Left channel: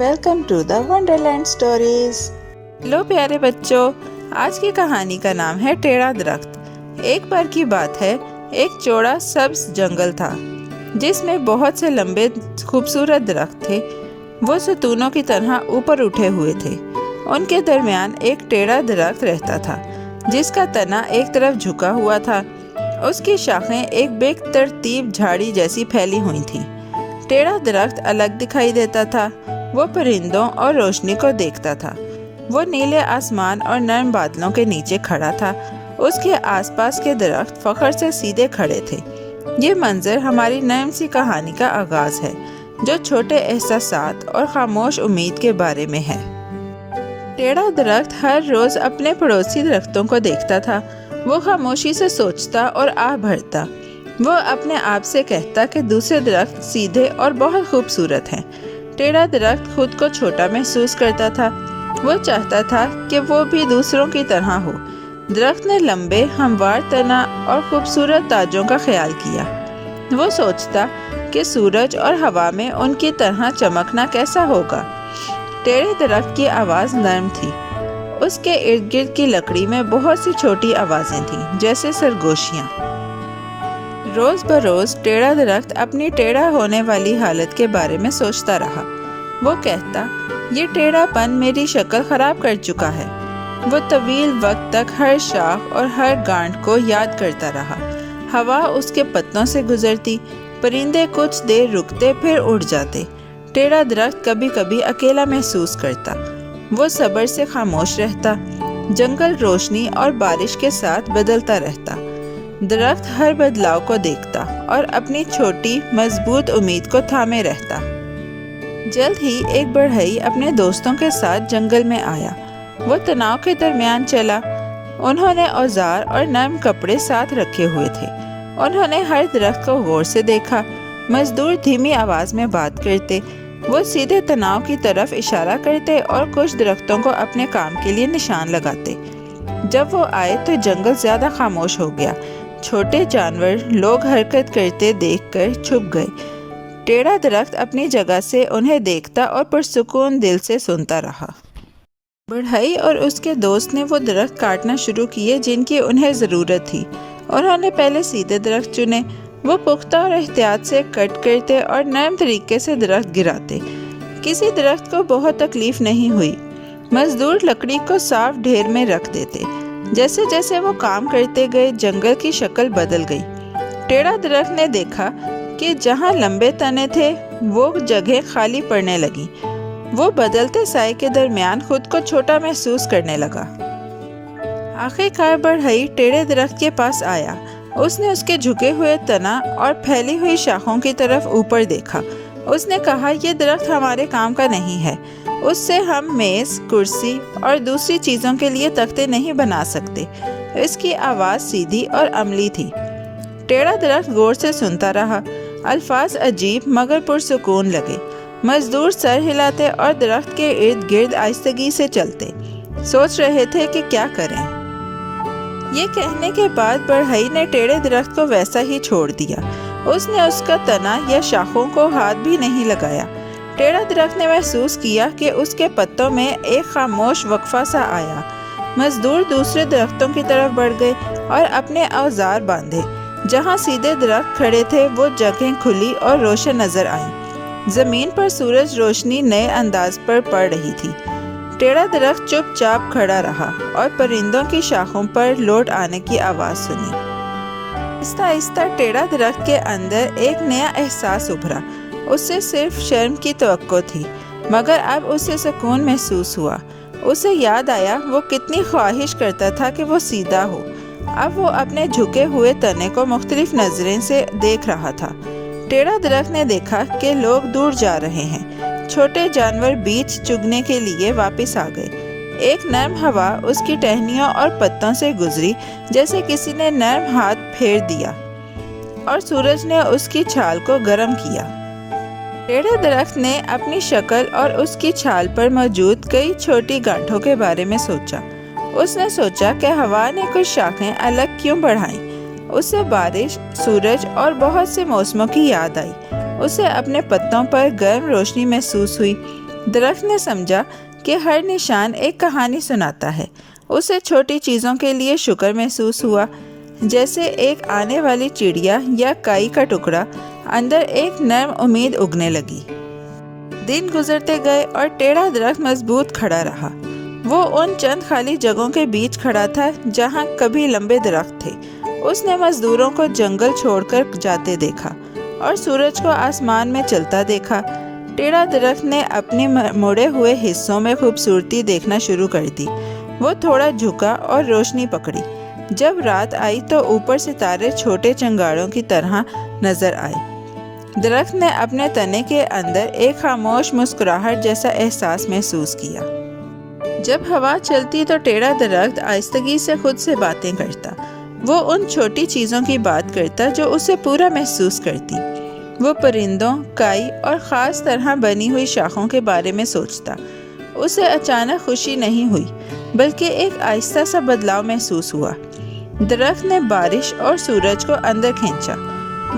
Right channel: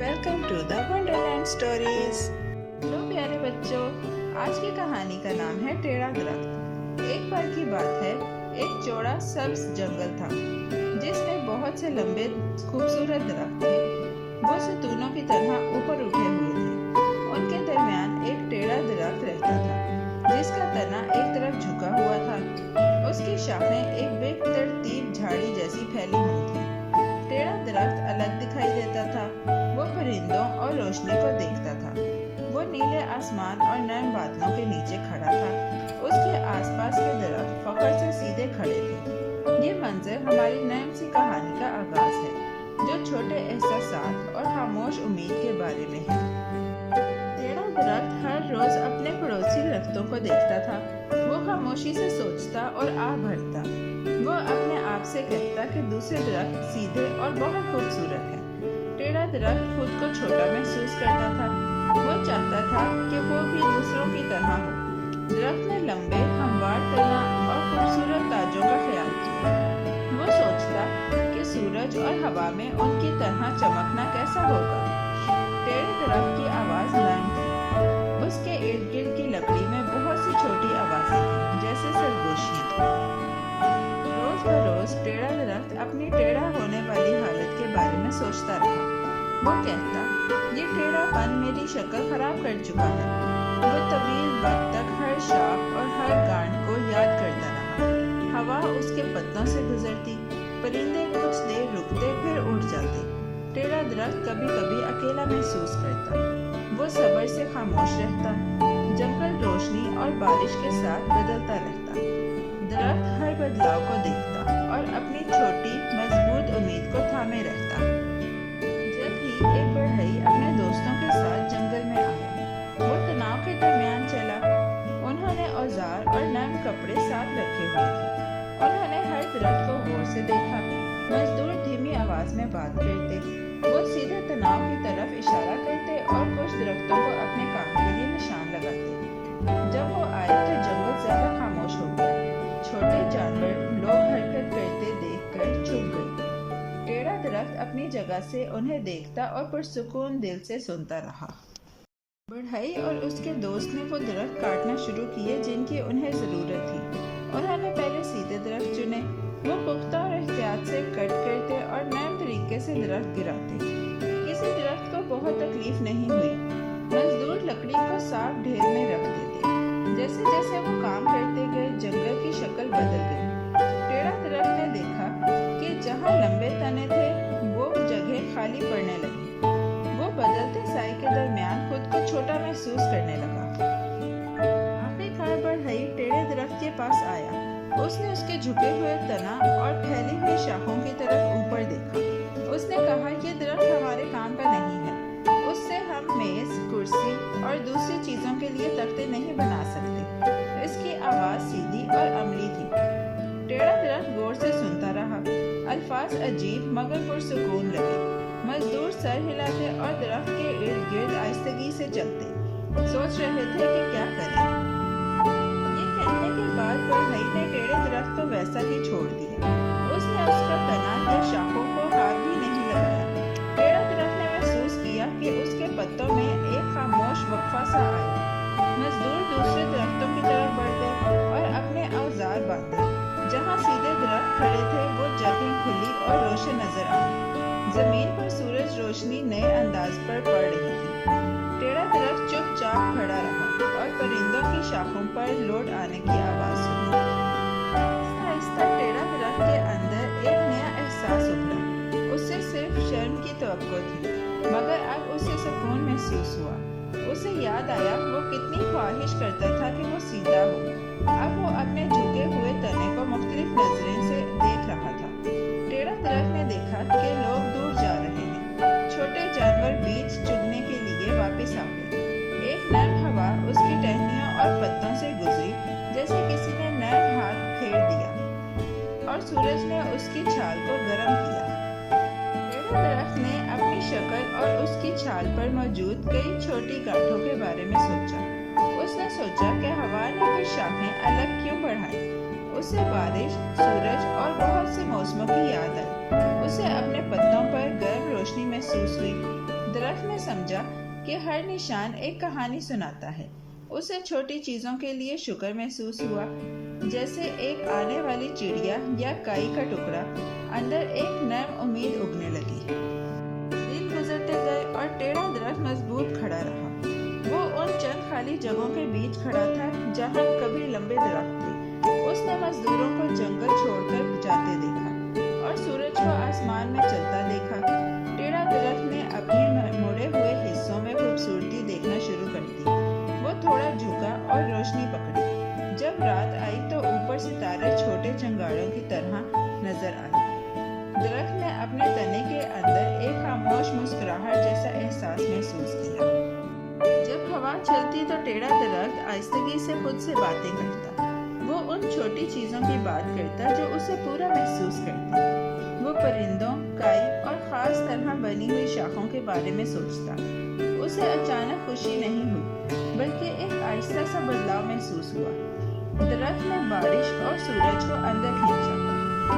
Welcome to the Wonderland Stories. لو پیارے بچوں، آج کی کہانی کا نام ہے ٹیڑھا درخت۔ ایک بار کی بات ہے، ایک چوڑا سبز جنگل تھا جس میں بہت سے لمبے خوبصورت درخت تھے۔ وہ ستونوں کی طرح اوپر اٹھے ہوئے تھے۔ ان کے درمیان ایک ٹیڑھا درخت رہتا تھا جس کا تنا ایک طرف جھکا ہوا تھا۔ اس کی شاخیں ایک بے ترتیب جھاڑی جیسی پھیلی ہوئی تھیں۔ ٹیڑھا درخت الگ دکھائی دیتا تھا۔ وہ پرندوں اور روشنی کو دیکھتا تھا۔ وہ نیلے آسمان اور نرم بادلوں کے نیچے کھڑا تھا۔ اس کے آس پاس کے درخت فخر سے سیدھے کھڑے تھے۔ یہ منظر ہماری نرم سی کہانی کا آغاز ہے جو چھوٹے احساسات اور خاموش امید کے بارے میں ہے۔ ٹیڑھا درخت ہر روز اپنے پڑوسی درختوں کو دیکھتا تھا۔ وہ خاموشی سے سوچتا اور آہ بھرتا۔ وہ اپنے آپ سے کہتا کہ دوسرے درخت سیدھے اور بہت خوبصورت ہیں۔ ٹیڑھا درخت خود کو چھوٹا محسوس کرتا تھا۔ وہ چاہتا تھا کہ وہ بھی دوسروں کی طرح ہو۔ درخت نے لمبے ہموار تنا اور خوبصورت تاجوں کا خیال کیا۔ وہ سوچتا کہ سورج اور ہوا میں ان کی طرح چمکنا کیسا ہوگا۔ ٹیڑھے درخت کی آواز نرم تھی۔ اس کے ارد گرد کی لکڑی میں بہت سی چھوٹی آوازیں تھیں جیسے سرگوشیاں۔ روز بروز ٹیڑھا درخت اپنی ٹیڑھا ہونے والی حالت کے بارے میں سوچتا رہا۔ وہ کہتا، یہ ٹیڑھا پن میری شکل خراب کر چکا ہے۔ وہ طویل وقت تک ہر شاخ اور ہر گانٹ کو یاد کرتا رہا۔ ہوا اس کے پتوں سے گزرتی، پرندے کچھ دیر رکتے پھر اڑ جاتے۔ ٹیڑھا درخت کبھی کبھی اکیلا محسوس کرتا۔ وہ صبر سے خاموش رہتا۔ جنگل روشنی اور بارش کے ساتھ بدلتا رہتا۔ درخت ہر بدلاؤ کو دیکھتا اور اپنی چھوٹی مضبوط امید کو تھامے رہتا۔ جلد ہی ایک بڑھئی اپنے دوستوں کے ساتھ جنگل میں آیا۔ وہ تناؤ کے درمیان چلا۔ انہوں نے اوزار اور نرم کپڑے ساتھ رکھے ہوئے تھے۔ انہوں نے ہر درخت کو غور سے دیکھا۔ مزدور دھیمی آواز میں بات کرتے۔ وہ سیدھے تناؤ کی طرف اشارہ کرتے اور کچھ درختوں کو اپنے کام کے لیے نشان لگاتے۔ جب وہ آئے تو جنگل زیادہ خاموش ہو گیا۔ چھوٹے جانور لوگ حرکت کرتے دیکھ کر چھپ گئے۔ ٹیڑھا درخت اپنی جگہ سے انہیں دیکھتا اور پرسکون دل سے سنتا رہا۔ بڑھئی اور اس کے دوست نے وہ درخت کاٹنا شروع کیے جن کی انہیں ضرورت تھی۔ انہوں نے پہلے سیدھے درخت چنے۔ وہ پختہ اور احتیاط سے کٹ کرتے اور نرم طریقے سے درخت گراتے۔ کسی درخت کو بہت تکلیف نہیں ہوئی۔ مزدور لکڑی کو صاف ڈھیر میں رکھ دیتے۔ جیسے جیسے وہ کام کرتے گئے جنگل کی شکل بدل گئی۔ ٹیڑھا درخت نے دیکھا کہ جہاں لمبے تنے تھے وہ جگہیں خالی پڑنے لگی۔ وہ بدلتے سائے کے درمیان خود کو چھوٹا محسوس کرنے لگا۔ آخر کار بڑھئی ٹیڑھے درخت کے پاس آیا۔ اس نے اس کے جھکے ہوئے تنا اور پھیلی ہوئی شاخوں کی طرف اوپر دیکھا۔ اس نے کہا، یہ درخت ہمارے کام کا نہیں ہے۔ اس سے ہم میز، کرسی اور دوسری چیزوں کے لیے تختے نہیں بنا سکتے۔ اس کی آواز سیدھی اور عملی تھی۔ ٹیڑھا درخت غور سے سنتا رہا۔ الفاظ عجیب مگر پرسکون لگے۔ مزدور سر ہلاتے اور درخت کے ارد گرد آہستگی سے چلتے، سوچ رہے تھے کہ کیا کریں۔ یہ کہنے کے بعد بڑھئی نے ٹیڑھے درخت کو ویسا ہی چھوڑ دیا۔ اس نے اس کا تنا یا شاخوں کو ہاتھ بھی نہیں لگایا۔ ٹیڑھا درخت نے محسوس کیا کہ اس کے پتوں میں ایک خاموش وقفہ سا آیا۔ مزدور دوسرے درختوں کی طرف بڑھ گئے اور اپنے اوزار باندھے۔ جہاں سیدھے درخت کھڑے تھے وہ جگہیں کھلی اور روشن نظر آئیں۔ زمین پر سورج روشنی نئے انداز پر پڑ رہی تھی۔ ٹیڑھا درخت چپ چاپ کھڑا رہا اور پرندوں کی شاخوں پر لوٹ آنے کی آواز سنی۔ آہستہ آہستہ ٹیڑھا درخت کے اندر ایک نیا احساس ابھرا۔ اسے صرف شرم کی توقع تھی مگر اب اسے سکون محسوس ہوا۔ اسے یاد آیا وہ کتنی خواہش کرتا تھا کہ وہ سیدھا ہو۔ اب وہ اپنے جھکے ہوئے تنے کو مختلف نظریں سے دیکھ رہا تھا۔ ٹیڑھا درخت نے دیکھا کہ لوگ دور جا رہے ہیں۔ چھوٹے جانور بیج چگنے کے لیے واپس آ گئے۔ ایک نرم ہوا اس کی ٹہنیوں اور پتوں سے گزری جیسے کسی نے نرم ہاتھ پھیر دیا، اور سورج نے اس کی چھال کو گرم کیا۔ ٹیڑھے درخت نے اپنی شکل اور اس کی چھال پر موجود کئی چھوٹی گانٹھوں کے بارے میں سوچا۔ اس نے سوچا کہ ہوا نے کچھ شاخیں الگ کیوں بڑھائیں۔ اسے بارش، سورج اور بہت سے موسموں کی یاد آئی۔ اسے اپنے پتوں پر گرم روشنی محسوس ہوئی۔ درخت نے سمجھا کہ ہر نشان ایک کہانی سناتا ہے۔ اسے چھوٹی چیزوں کے لیے شکر محسوس ہوا، جیسے ایک آنے والی چڑیا یا کائی کا ٹکڑا۔ اندر ایک نرم امید اگنے لگی۔ دن گزرتے گئے اور ٹیڑھا درخت مضبوط کھڑا رہا۔ وہ ان چند خالی جگہوں کے بیچ کھڑا تھا جہاں کبھی لمبے درخت تھے۔ اس نے مزدوروں کو جنگل چھوڑ کر جاتے دیکھا اور سورج کو آسمان میں چلتا دیکھا۔ ٹیڑھا درخت نے اپنے مڑے ہوئے حصوں میں خوبصورتی دیکھنا شروع کر دی۔ وہ تھوڑا جھکا اور روشنی پکڑی۔ جب رات آئی تو اوپر ستارے چھوٹے چنگاڑوں کی طرح نظر آئے۔ درخت نے اپنے تنے کے اندر ایک خاموش مسکراہٹ جیسا احساس محسوس کیا۔ جب ہوا چلتی تو ٹیڑھا درخت آہستگی سے خود سے باتیں کرتا۔ وہ ان چھوٹی چیزوں کی بات کرتا جو اسے پورا محسوس کرتی۔ وہ پرندوں، کائی اور خاص طرح بنی ہوئی شاخوں کے بارے میں سوچتا۔ اسے اچانک خوشی نہیں ہوئی، بلکہ ایک آہستہ سا بدلاؤ محسوس ہوا۔ درخت نے بارش اور سورج کو اندر کھینچا۔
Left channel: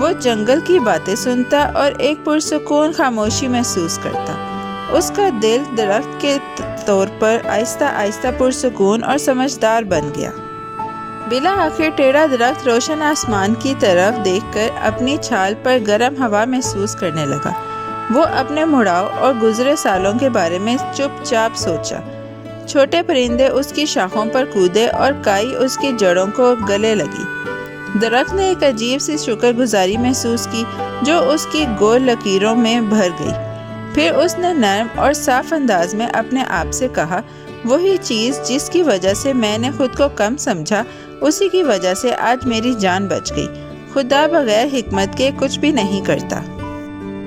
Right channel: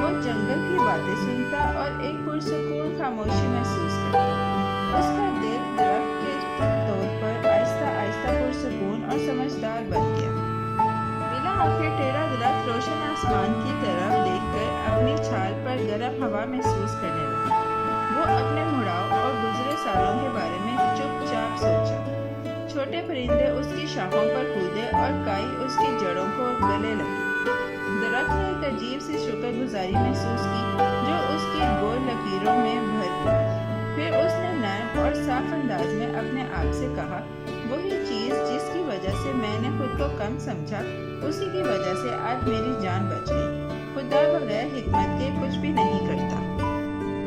وہ جنگل کی باتیں سنتا اور ایک پرسکون خاموشی محسوس کرتا۔ اس کا دل درخت کے طور پر آہستہ آہستہ پرسکون اور سمجھدار بن گیا۔ بلا آخر ٹیڑھا درخت روشن آسمان کی طرف دیکھ کر اپنی چھال پر گرم ہوا محسوس کرنے لگا۔ وہ اپنے مڑاؤ اور گزرے سالوں کے بارے میں چپ چاپ سوچا۔ چھوٹے پرندے اس کی شاخوں پر کودے اور کائی اس کی جڑوں کو گلے لگی۔ درخت نے ایک عجیب سی شکر گزاری محسوس کی جو اس کی گول لکیروں میں بھر گئی۔ پھر اس نے نرم اور صاف انداز میں اپنے آپ سے کہا، وہی چیز جس کی وجہ سے میں نے خود کو کم سمجھا، اسی کی وجہ سے آج میری جان بچ گئی۔ خدا بغیر حکمت کے کچھ بھی نہیں کرتا۔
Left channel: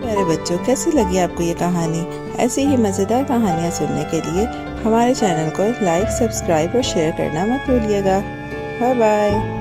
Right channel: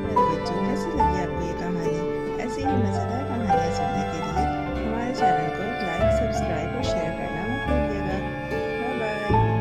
میرے بچوں، کیسی لگی آپ کو یہ کہانی؟ ایسی ہی مزیدار کہانیاں سننے کے لیے ہمارے چینل کو لائک، سبسکرائب اور شیئر کرنا مت بھولیے گا۔ Bye bye.